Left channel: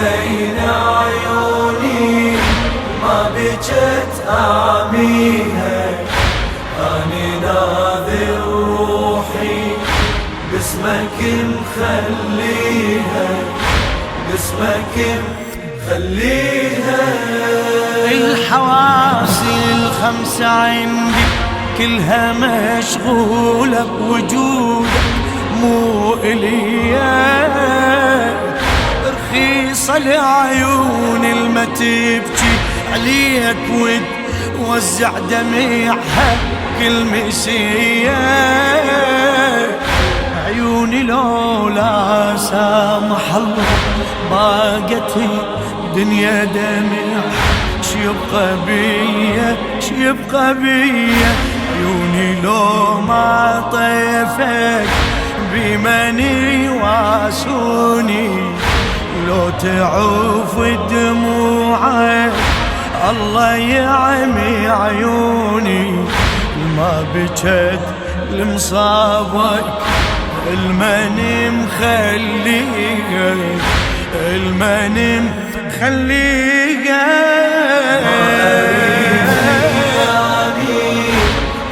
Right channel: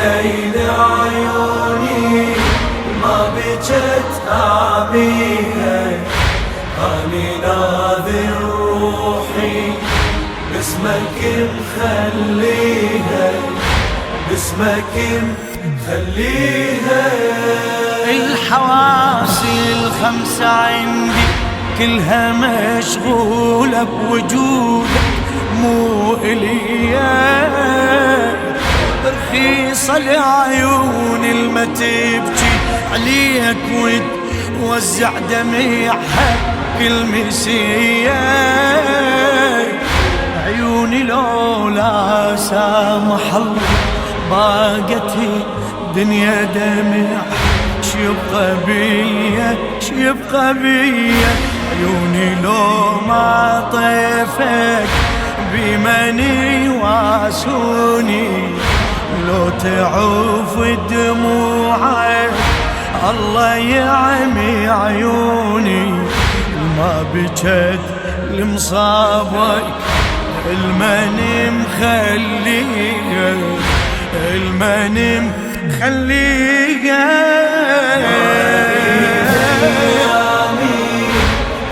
حسين عيوني ما بجت آميها، أني ناذر روحي باسمك مخليها، باسمك مخليها. الحواس الخمسة عندي كلها مشغولة بوجودك، مو إليا رخيصة لعيون الما تبكي عليك وتوزع دميعها كل مسية. عيوني لولا سامح الله باقت دنيا دمع، شيبقى بيا شيبقى بيا. عيوني لو ما طيفك بمن واسوني، لو تعوف دموعك الله يعمي عيوني. الما بجت لمصابك المن مخليها، المن مخليها.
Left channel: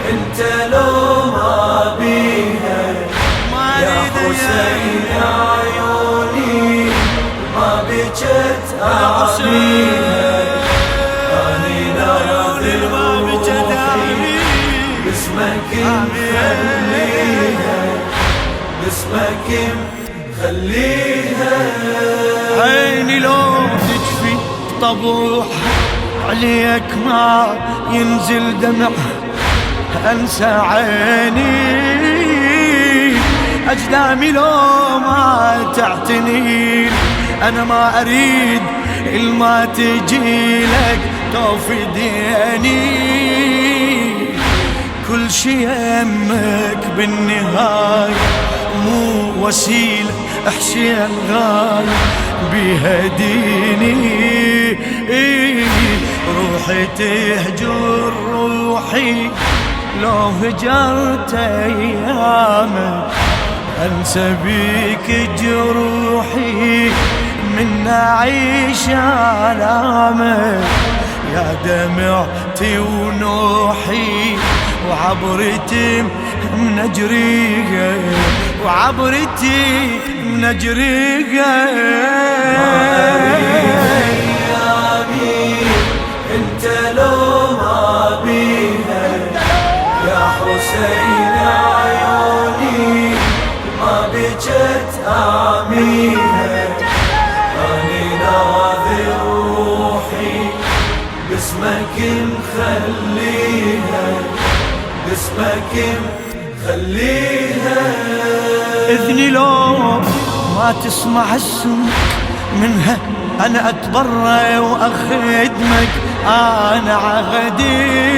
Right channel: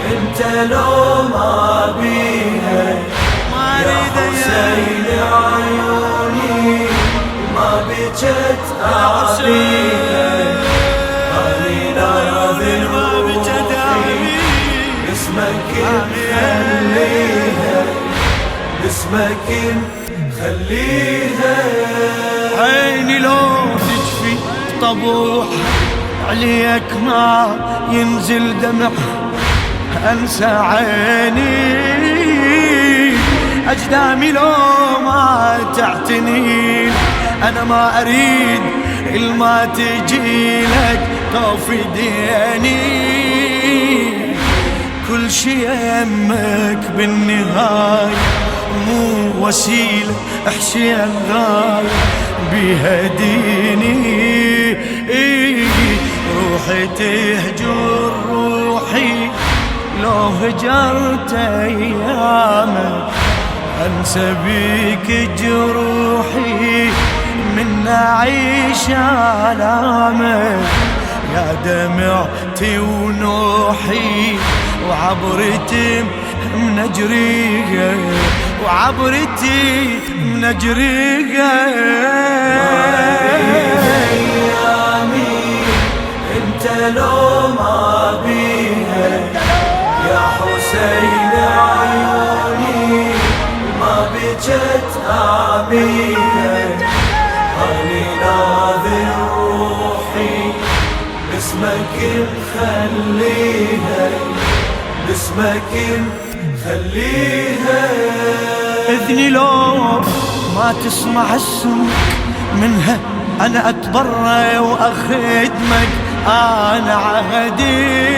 انت لو ما بيها ما اريد يا حسين عيوني ما بجت آميها، أني ناذر ما بجت روحي باسمك مخليها، باسمك مخليها. عيني لو تجفي طبوحها عليك ما ينزل دمع، انسى عيني اجدامي لو ما تعتني. انا ما اريد الما تجي لك توفي ديني، كل شي يمك بالنهاية مو وسيلة حسين غاية بيها ديني. روحي تهجر روحي لو هجرت ايامك، انسى بيك جروحي من اعيش آلامك. يا دمعتي ونوحي وعبرتي من اجريها، وعبرتي من اجريها. انت لو ما بيها يا حسين عيوني ما بجت آميها، أني ناذر روحي باسمك مخليها، باسمك مخليها. إذني لو ما تسمع السمك منها أنا أتبرى وأخدمك، أنا عهدي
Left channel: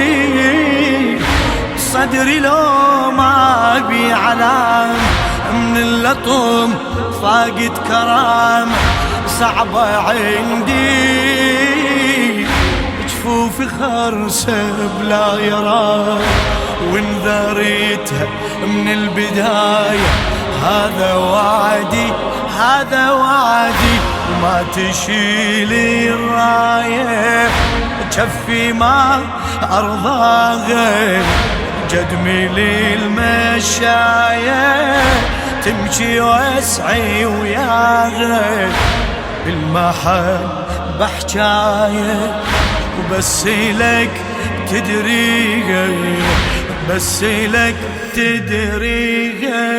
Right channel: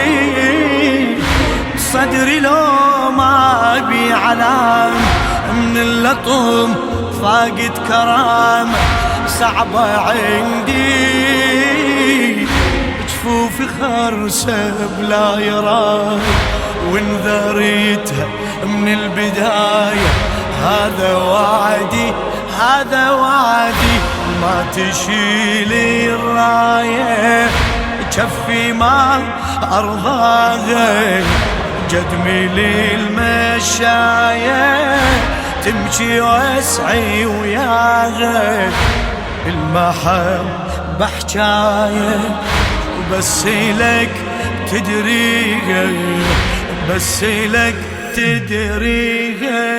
صدري لو ما بي علام من اللطم فاقد كرامة صعبة عندي. جفوفي خرسة بلا يراي وانذريتها من البداية، هذا وعدي هذا وعدي. ما تشيلي الراية جفي ما أرضاها، جدمي للمشاية تمشي واسعي وياها. المحبة حجاية وبس لك تدريها، بس لك تدريها.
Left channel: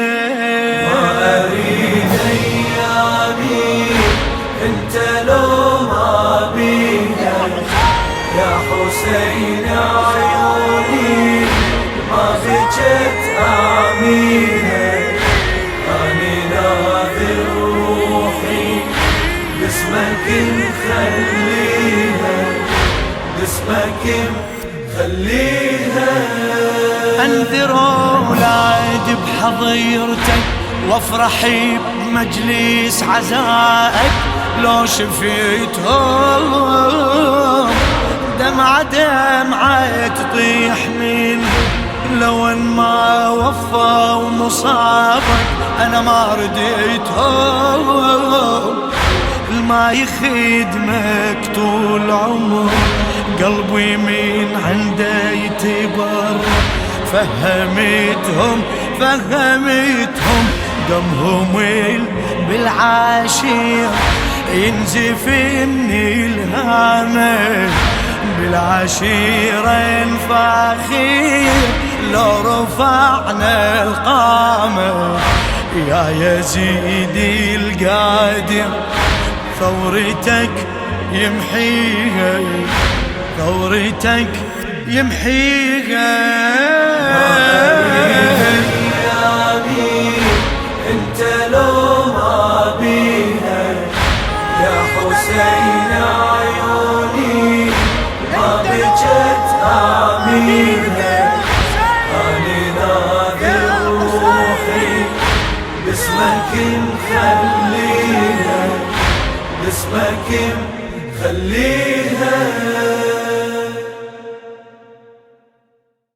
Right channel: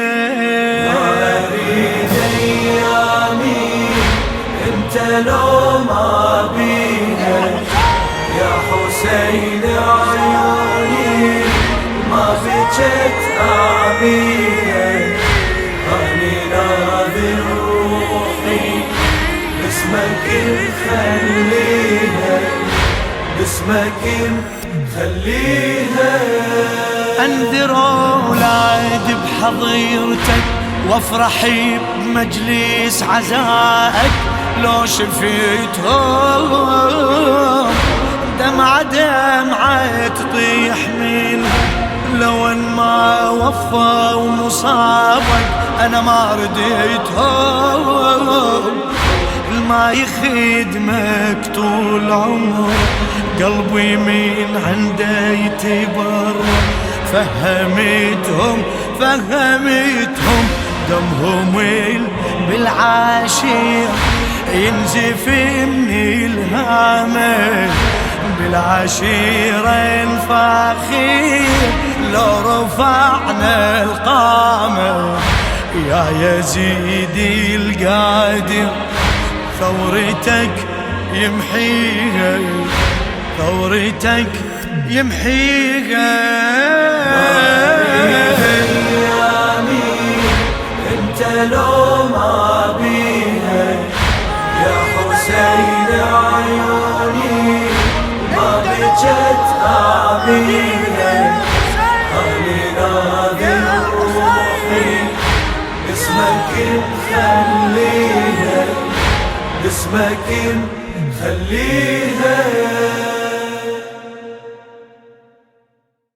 ما أريد أيامي انت لو ما بيها يا حسين عيوني ما بجت آميها، أني ناذر روحي باسمك مخليها، باسمك مخليها. انذر اولاد بحظيرتك وافرحي بمجلس عزائك، لو شفيتهم دمعة دمعة تطيح منهم، لو ان ما وفوا مصابك انا ما رديتهم. الما يخدمك طول عمر، قلبي من عنده يتبر. فهمتهم دمهم بالعاشير ينزف من الهامة، بالعشيرة فاخير لو رفعنا القامة. يا يزيد القادر ثورتك يمحيها، ثورتك يمحيها. أيامي انت لو ما بيها يا حسين عيوني ما بجت آمينها. أنا ناذر روحي باسمك مخليها، باسمك مخليها.